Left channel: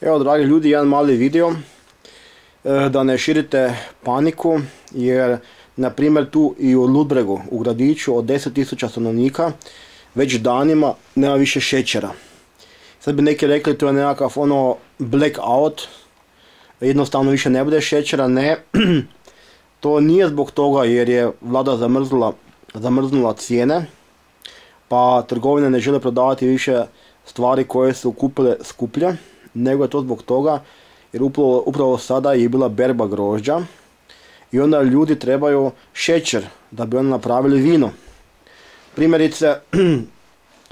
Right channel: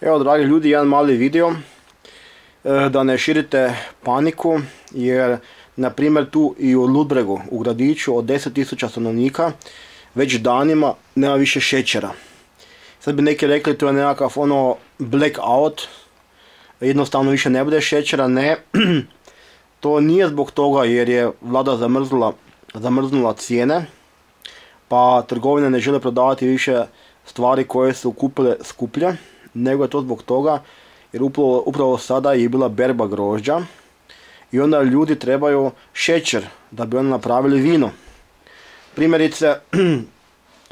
Evo, dragi ljudi, jedan mali video da ne širite paniku, jer na primjer tu i u Ludbregu, u gradiću od 10.000 stanovnika, već danima nema više šećera. Sad bi neki rekli to je nekakav blackout, jednostavno više ne bude šećera. Ne, to nije zbog toga jer je vlada zamrznula cijene, pa trgovine ne žele prodavati više stvari koje su kupile skuplje, nego je to zbog toga jer upravo sada je bila berba grožđa i onda ljudi trebaju šećer da bi oni napravili vino. Primjerice,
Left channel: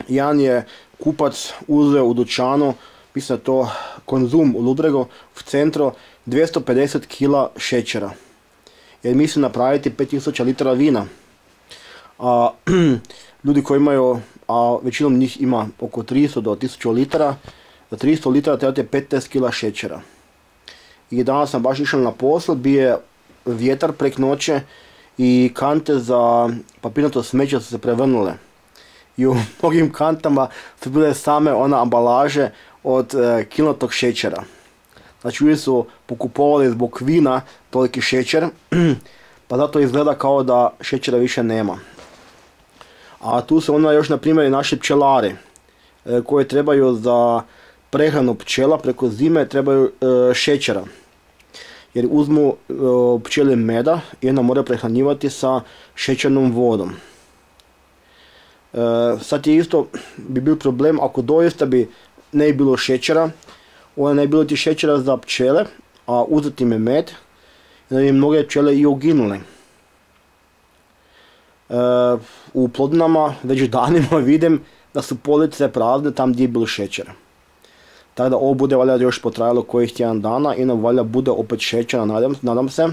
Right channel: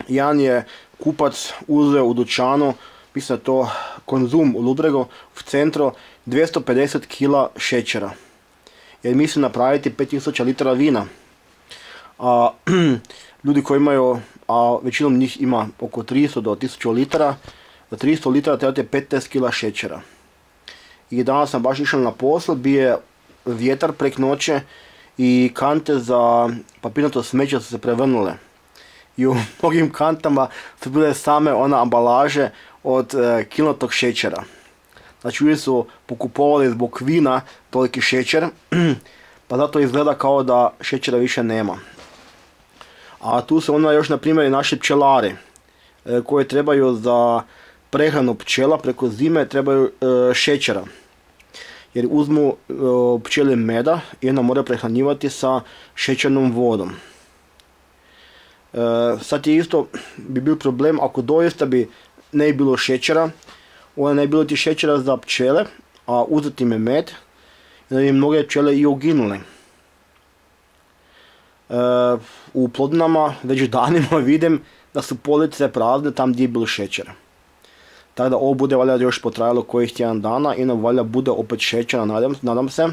jedan je kupac uzeo u dućanu, mislim da to Konzum u Ludbregu, u centru, 250 kg šećera. Jer misli napraviti 5000 litara vina. A ljudi koji imaju, a većinom njih ima oko 300 do 1000 litara, za 300 litara trebate 15 kg šećera. I danas sam baš išao na posao, bio je vjetar prek noće i kante za papirnato smeće su se prevrnule. I u mnogim kantama su bile same ambalaže od kilnatog šećera. Znači ljudi su pokupovali zbog vina toliki šećer, pa zato izgleda kao da šećera više nema. A tu su onda još na primjer i naši pčelari koji trebaju za prehranu pčela preko zime trebaju šećera. Jer uzmu pčeli meda i onda moraju prehranjivati sa šećernom vodom. Sad je isto bi bil problem ako doista bi ne bilo šećera, onda ne bi bilo ti šećera za pčele, a uzeti im med, i da bi mnoge pčele i uginule. U Plodinama već danima vidim da su police prazne tam gdje je bilo šećer. Tako da ovo bude valjda još potrajalo kojih tjedan dana i nam valjda bude opet šećera, nadam se.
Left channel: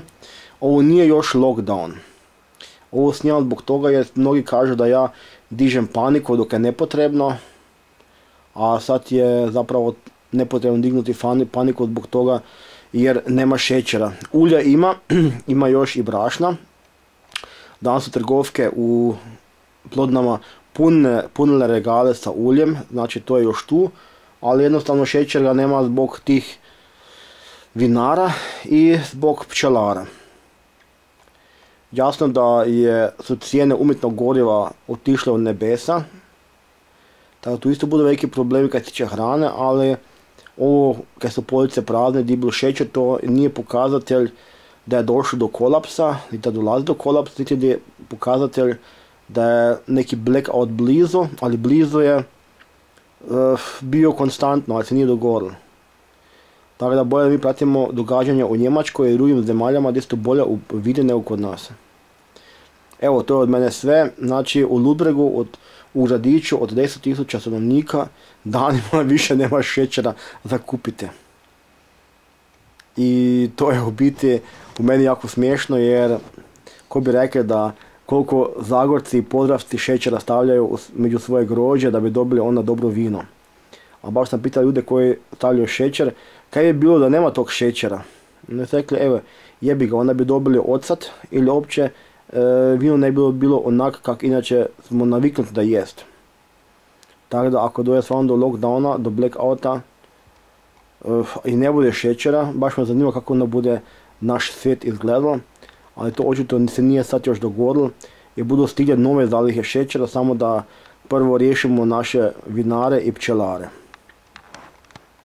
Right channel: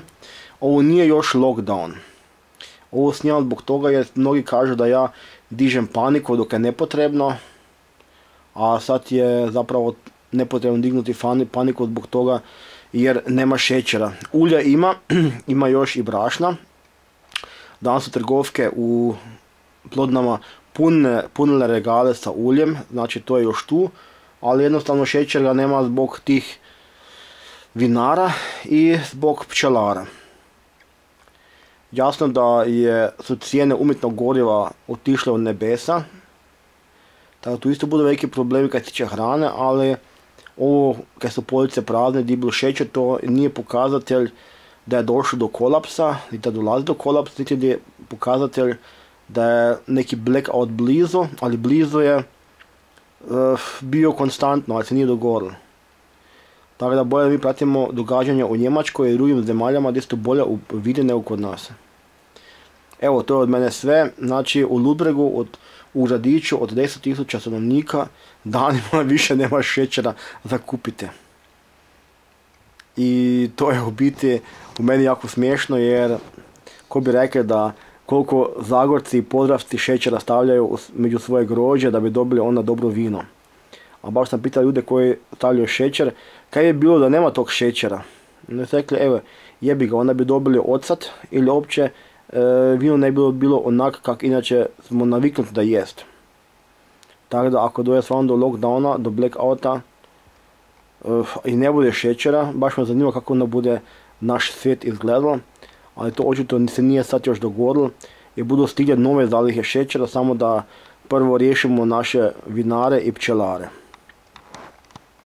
Ovo nije još lockdown. Ovo snimam zbog toga jer mnogi kažu da ja dižem paniku dok je nepotrebno, a sad je zapravo nepotrebno dignuti paniku zbog toga jer nema šećera. Ulja ima, ima još i brašna. Danas su trgovke u Plodinama punile regale sa uljem, znači to je još tu, ali jednostavno šećera nema zbog tih vinara i zbog pčelara. Jasno da su cijene umjetnog goriva otišle u nebesa, tako da tu isto budu veliki problemi kad se tiče hrane, ali ovo kad su police prazne, gdje je bilo šećer, to nije pokazatelj da je došlo do kolapsa, niti da dolazi do kolapsa, niti je pokazatelj da je neki blackout blizu, ali blizu je bio konstantno, ali se nije dogodilo. Tako da bolje mi pratimo događanja u Njemačkoj i drugim zemaljama gdje su bolje vide nego kod nas. Evo, to je od mene sve. Znači, u Ludbregu, u gradiću od 10.000 stanovnika, danima više nema šećera za kupite. I to je u biti u meni jako smiješno, jer ko bi rekao da koliko Zagorci i Podravci šećera stavljaju među svoje grožđe da bi dobili onda dobro vino. A baš sam pitao ljude koji stavljaju šećer, kaj je bilo da nema tog šećera. Oni su rekli, evo, jebi ga, onda bi dobili ocat ili uopće vino ne bi bilo onak kak inače smo naviknuti da jest. Tako da ako doje stvarno do lockdowna, do blackouta i ne bude šećera, baš me zanima kako onda bude naš svijet izgledalo, ali to očito se nije sad još dogodilo i budu stigle nove zalihe šećera, samo da prvo riješimo naše vinare i pčelare.